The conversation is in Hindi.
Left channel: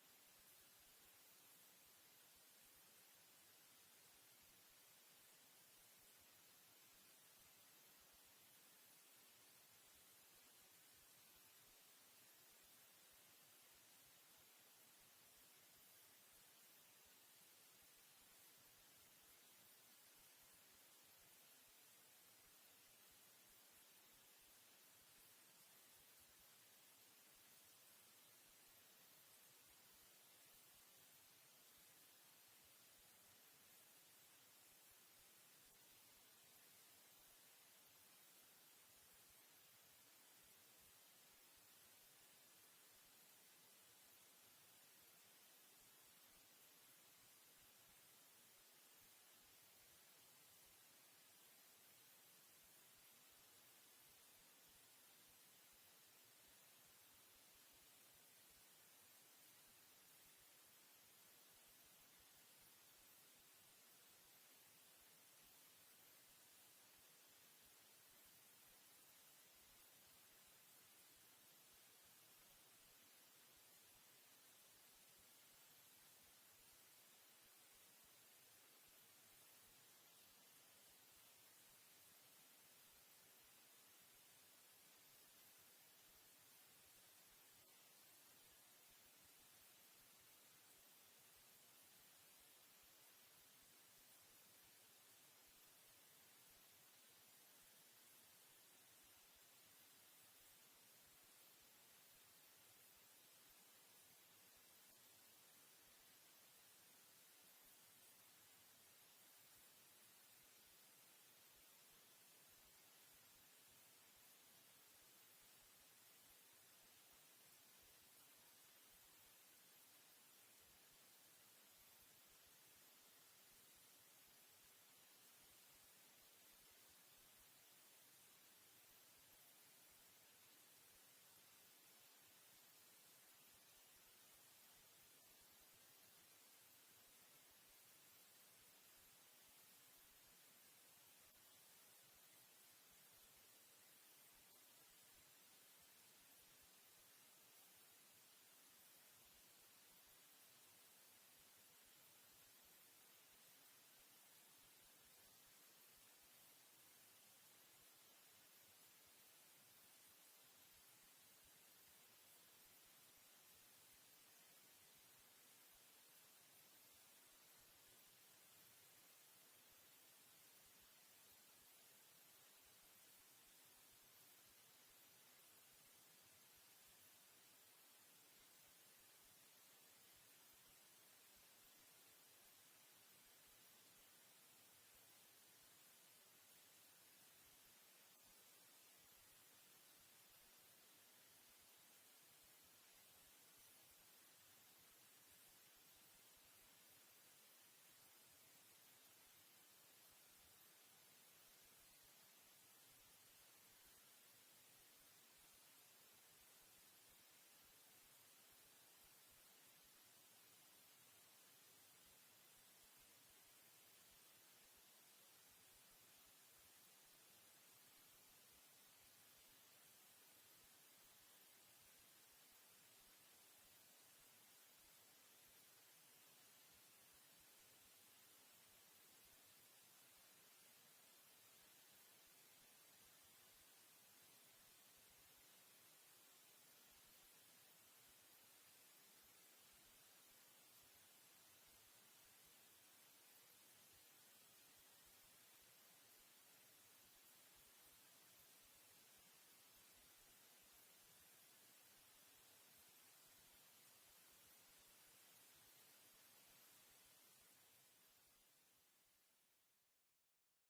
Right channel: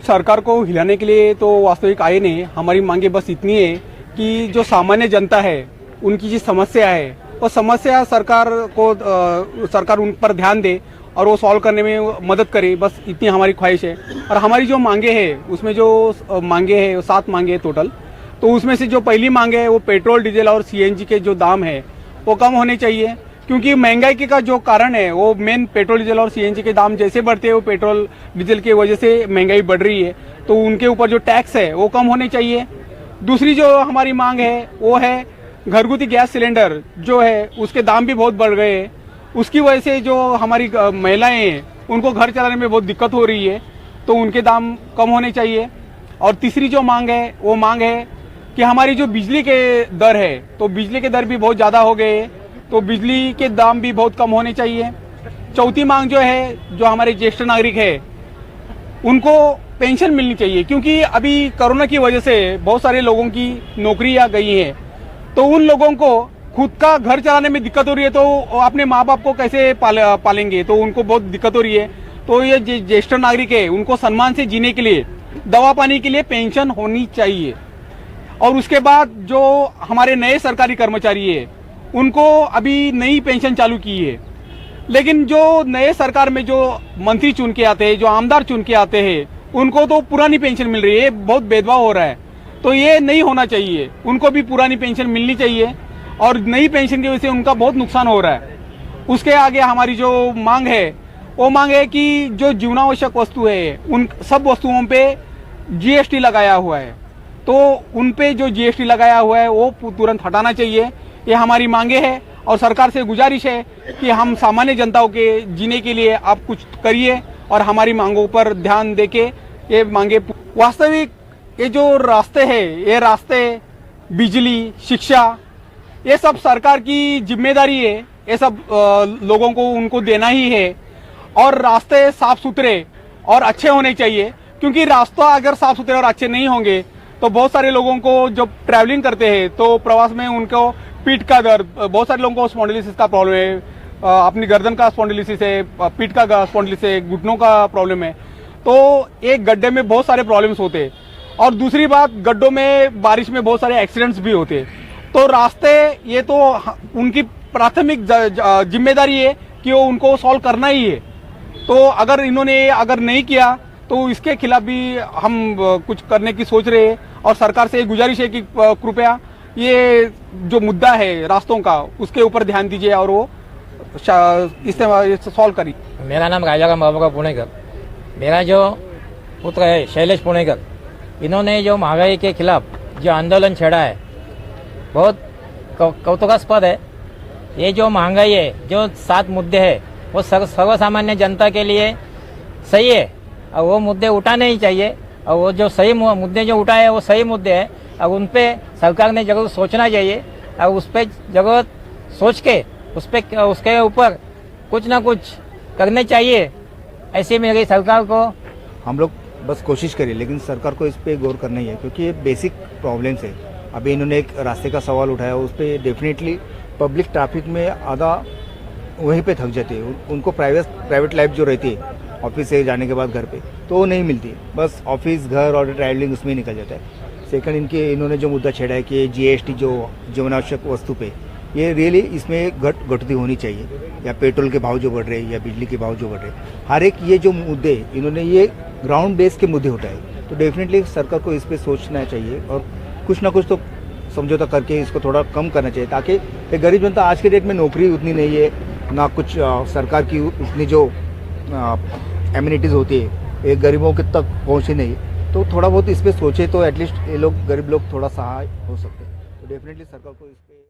सरकार को हिलाने के लिए तो वास्तविक आए नहीं। हमारी मांगे बस इतनी है कि जो सामान्य जनता है उनकी जो समस्या है वो समस्या सरकार उन पर ध्यान दे और वो सॉल्व करने में मदद करे, बस इतनी हमारी ख्वाहिश है। और हमारी जो मांगे हैं उसमें जो मांगे हैं 7 मांगे हैं टोटल। तो उसमें से जो पहली मांग है वो पेट्रोल डीजल और सीएनजी के जो दाम है वो कम होने चाहिए, क्योंकि महंगाई का जो कारण है वो मेन पेट्रोल डीजल और सीएनजी के दाम जैसे बढ़ते हैं वो पेट्रोल डीजल की वजह से महंगाई बढ़ रही है, तो उनके ऊपर जो टैक्स है वो कम होने चाहिए। दूसरी जो हमारी मांग है वो है घरगुती गैस सिलेंडर जो है उसके दाम भी बहुत बढ़ गए हैं, उसकी वजह से जो हमारी महिलाएं हैं उनको घर चलाने में बहुत दिक्कत हो रही है, तो उनके दाम कम होने चाहिए। और तीसरी जो मांग है वो मांग है कि हमारी जो बिजली के दर है तो बिजली के दर भी बहुत ज़्यादा हो गए हैं, तो बिजली के दाम भी बहुत कम होने चाहिए। चौथी मांग जो है जो हमारे ज्येष्ठ नागरिक है उनको पेंशन मिलनी चाहिए, क्योंकि अभी कोरोना की वजह से बहुत सारे लोगों की नौकरियां गई हैं, तो उन लोगों को खुद का घर चलाने में दिक्कत हो रही है, तो अपने माँ बाप को कैसे पालेंगे, तो उनको बहुत दिक्कत हो रही है। तो ये ज्येष्ठ नागरिक है उनको सम्मान से जीने के लिए, दवा पानी के लिए पेंशन होनी चाहिए। और उसके बाद जो हमारे नए सरकारी कर्मचारी है उनको अभी नई पेंशन चालू की है, लेकिन जो नए सरकार में जो मंत्री चुन के आते हैं, जो आमदार चुन के आते हैं, उनको तो पुरानी पेंशन मिल रही है, बहुत भेदभाव हो रहा है। तो ये नहीं होना चाहिए, उनको भी पुरानी पेंशन मिलनी चाहिए, और नई पेंशन की वजह से उनका बहुत नुकसान हो रहा है। उसके आगे हमारी जो मांग है वो मांग है कि जो जीवनावश्यक वस्तु है उन सब वस्तुओं पे जीएसटी लगाया हुआ है, तो उन पे जो जीएसटी लगाया हुआ है वो तुरंत हटाना चाहिए। ये हमारी मांगे हैं और सरकार से गुजारिश है कि हम सामान्य जनताओं के जीने के लिए आप कुछ करिए और हमारी मांगों पर ध्यान देके ये मांगे। वास्तविक ये जो रास्ते हैं, ये रास्ते, बिजली, शिक्षा, ये सब सरकार की जिम्मेदारी है, ये सब लोगों को उनको देना ही है। और रास्ते साफ सुथरे और अच्छे होने चाहिए, क्योंकि रास्ता अगर साफ सुथरे और अच्छे नहीं होंगे तो बहुत सारे लोगों को जब ट्रैवलिंग करते हैं तो प्रवास में उनको पीठ का दर्द, बहुत सारे लोगों को स्पॉन्डिलिसिस का प्रॉब्लम है, अपनी गर्दन का स्पॉन्डिलिसिस है, पीठ का स्पॉन्डिलिसिस है, घुटनों का प्रॉब्लम है, तो एक गड्ढे में बहुत सारे प्रॉब्लम्स होते हैं। और दूसरी बात, गड्ढों में बारिश में बहुत सारे एक्सीडेंट्स भी होते हैं। तो रास्ते ये तो उनकी प्राथमिक जिम्मेदारी है कि वो उनको सॉल्व करना ही है। तो अगर इन्होंने अगर नहीं किया तो इसके खिलाफ भी हम कुछ करने की सोच रहे हैं, और सरकार से गुजारिश है कि कृपया ये जो मुद्दा है रास्तों का उसके ऊपर ध्यान दीजिए और वो इसे सॉल्व करिए। मेरा नाम राजाराम बाबूराव पुणेकर। मेरा जो पुत्र है शैलेश पुणेकर, इन्होंने जो महंगाई के खिलाफ जो आंदोलन छेड़ा है बहुत कौतुकास्पद है। ये जो महंगाई है, जो 7 मुद्दे हैं वो सर्वसामान्य जनता के लिए सही है और वो मुद्दे उठाने ही चाहिए, और वो जो सही मुद्दे जो उठाए हैं वो सही मुद्दे हैं, और उन पे सरकार ने जरूर सोचना चाहिए, और उस पर जरूरत सोच के उसके ऊपर कुछ ना कुछ करने चाहिए। ऐसे मेरी सरकार को हम लोग बस कोशिश करिए, लेकिन सरकार को इस पे गौर करना ही है, क्योंकि ये बेसिक प्रॉब्लम्स है। अभी इन्होंने एक रास्ते का सवाल उठाया, उस पर डेफिनेटली पब्लिक ट्रैफिक में आधा वहीं पे थक जाती है। उनको प्राइवेट लाइफ जो रहती है ऑफिस से जाने के बाद घर पे, तो वो नहीं मिलती, बस ऑफिस, घर और ट्रैवलिंग उसमें ही निकल जाता है। सेकंड, इन्होंने जो मुद्दा छेड़ा है कि जीएसटी जो जीवनावश्यक वस्तु पे, ये रियली इसमें घटती होनी चाहिए, या पेट्रोल के भाव जो बढ़ रहे हैं या बिजली के भाव जो बढ़ रहे हैं, हर एक ये जो मुद्दे इन्होंने ये ग्राउंड बेस के मुद्दे उठाए, तो डेफिनेटली सरकार को इस पर सोचना चाहिए और कुछ ना कुछ तो समझौता करके इसको थोड़ा कम करना चाहिए, ताकि एक गरीब जनता, आज के डेट में नौकरी उतनी नहीं है ना, कुछ सरकार की उतनी जो एमिनिटीज़ होती है एक गरीबों के तक पहुँची नहीं, तो थोड़ा बहुत इस पर सोचे तो एटलीस्ट ये लोग, गरीब लोग थोड़ा सहाय हो सकते हैं। तो डेफिनेटली सरकार को इस पर